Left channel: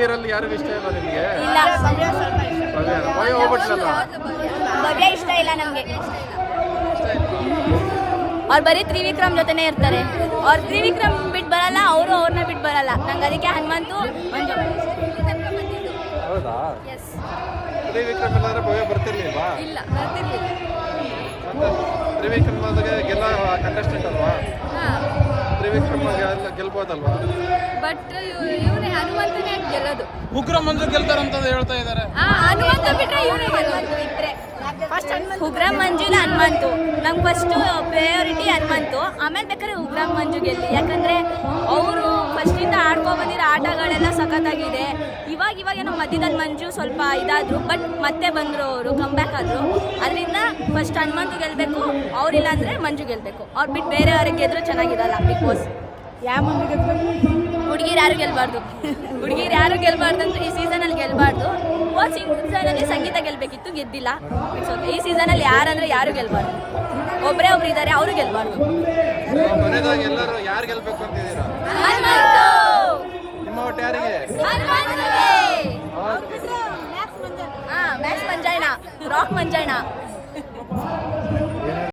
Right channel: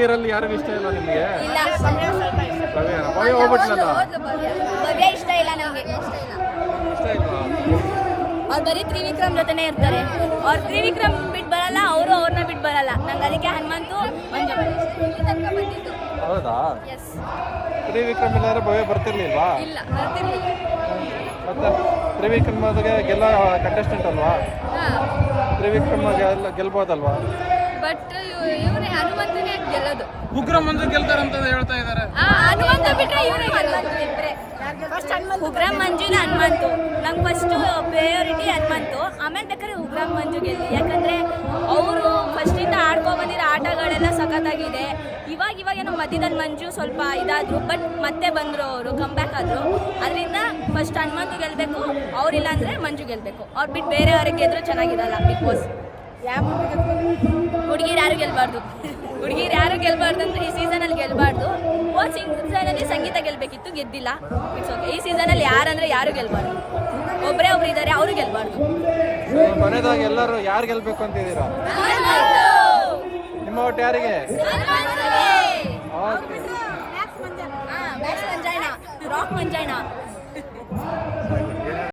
ಹುಡುಗಿಯರಲ್ಲಿ ಯಾರಿಗೂ ಇಷ್ಟ ಇಲ್ಲ ನಿಮಗೆ? ಭವ್ಯ ಇಷ್ಟ ಇಲ್ಲ ನಮಗೆ. ಇಷ್ಟ ಇಲ್ಲ. ಅವ್ರು ಬರೀ ತ್ರಿವಿಕ್ರಮ್ ಜೊತೆನೇ ಇರ್ತಾರೆ. ಅವ್ರು ತ್ರಿವಿಕ್ರಮ್ ಬಿಟ್ಟು ಬರಲ್ಲ, ಅವರು ಅವ್ರನ್ನ ಬಿಟ್ಟು ಬರಲ್ಲ. ನಂಗೆ ಅದಕ್ಕೆ ಹನುಮಂತು ಮಂಜು ಹೌದಾ? ಎಸ್. ತ್ರಿವಿಕ್ರಮ್ ಇಲ್ಲಾಂದ್ರೆ ಭವ್ಯ ಬರ್ತಿರ್ಲಿಲ್ಲ? ಇಲ್ಲ, ಬರ್ತಿರ್ಲಿಲ್ಲ. ಮತ್ತೆ ತ್ರಿವಿಕ್ರಮ್ ಗೆಲ್ಲ ಕಂಟೆಸ್ಟೆಂಟ್ ಅಲ್ವಾ? ತ್ರಿವಿಕ್ರಮ್ ಗೆಲ್ಬೋದಲ್ವಾ? ಬಟ್ ಇವನೇ ಹನುಮಂತನೇ ಗೆಲ್ಲೋದು. ಉಗ್ರ ಮಂಜು ಗೆಲ್ತಾರಂತ ಹೇಳ್ತಾ ಇದ್ದಾರೆ. ಹನುಮಂತ ಬಿಟ್ರೆ ಇವನೇ ಗೆಲ್ಲೋದು. ಉಗ್ರಂ ಮಂಜು ಇಲ್ಲ ಹನುಮಂತು. ನಂಗೆ ಫಸ್ಟು ಪ್ರಯಾರಿಟಿ ಹನುಮಂತು, ಆಮೇಲೆ ಬೇಕಾದ್ರೆ ಉಗ್ರಂ ಮಂಜು ಗೆಲ್ಲಿ. ಯಾಕಂದರೆ ಅವರು ಫಸ್ಟಿಂದ ಆಡ್ಕೊ ಬಂದಿರೋ ಆಟಗಳೆಲ್ಲ ಸಖತ್ತಾಗಿದೆ. ಇವಾಗ ಏನೋ ಮಧ್ಯದಲ್ಲಿ ಮಂಜು ಸ್ವಲ್ಪ ಇದಾದರು, ಬಟ್ ಮತ್ತೆ ಬಂದರು, ಅವರು ಕಮ್ಬ್ಯಾಕ್ ಆದರು. ಅದರಿಂದ ಫಸ್ಟ್ ಹನುಮಂತು ಗೆಲ್ಲಬೇಕು, ಅವರಿಲ್ಲ ಅಂದರೆ ಮಂಜು ಗೆಲ್ಲಬೇಕು. ಅವ್ರು ಬಿಟ್ಟು ಬೇರೆಯವ್ರಿಗೆ ಗೆದ್ರೂ ಚೆನ್ನಾಗಿರಲ್ಲ ಬಿಗ್ ಬಾಸ್. ಹುಡುಗಿರು ಯಾರು ಗೆಲ್ಬಾರ್ದು. ಹುಡುಗಿರು ಯಾರು ಗೆಲ್ಬಾರ್ದು ಅಂತ ಈ ಸೀಸನಲ್ಲಿ ಗೆಲ್ಬಾರ್ದು. ಹೋದ ಸೀಸನಲ್ಲಿ ಸಂಗೀತ ಗೆಲ್ಲಬೇಕಿತ್ತು, ಗೆದ್ದಿಲ್ಲ. It's okay. ಈ ಸೀಸನಲ್ಲಿ ಯಾರಂದ್ರೆ ಯಾರು ಗೆಲ್ಬಾರ್ದು. ಒಬ್ಬರು ಇದ್ದಾರೆ, ಅವರು ಗೆಲ್ಬಾರ್ದು. ಮನೆದಾಗ ಎಲ್ಲರೂ ಯಾರು ಗೆಲ್ಬೇಕು ಅಂತಿದ್ದೀರಾ? ನಿಮ್ಮ ಒಟ್ಟು ಯಾರಿಗೆ? ಮ್ಯಾಕ್ಸ್ ಮಂಜಾಯ್ನ, ರಾಕ್ ಮಂಜಾಯ್ನ.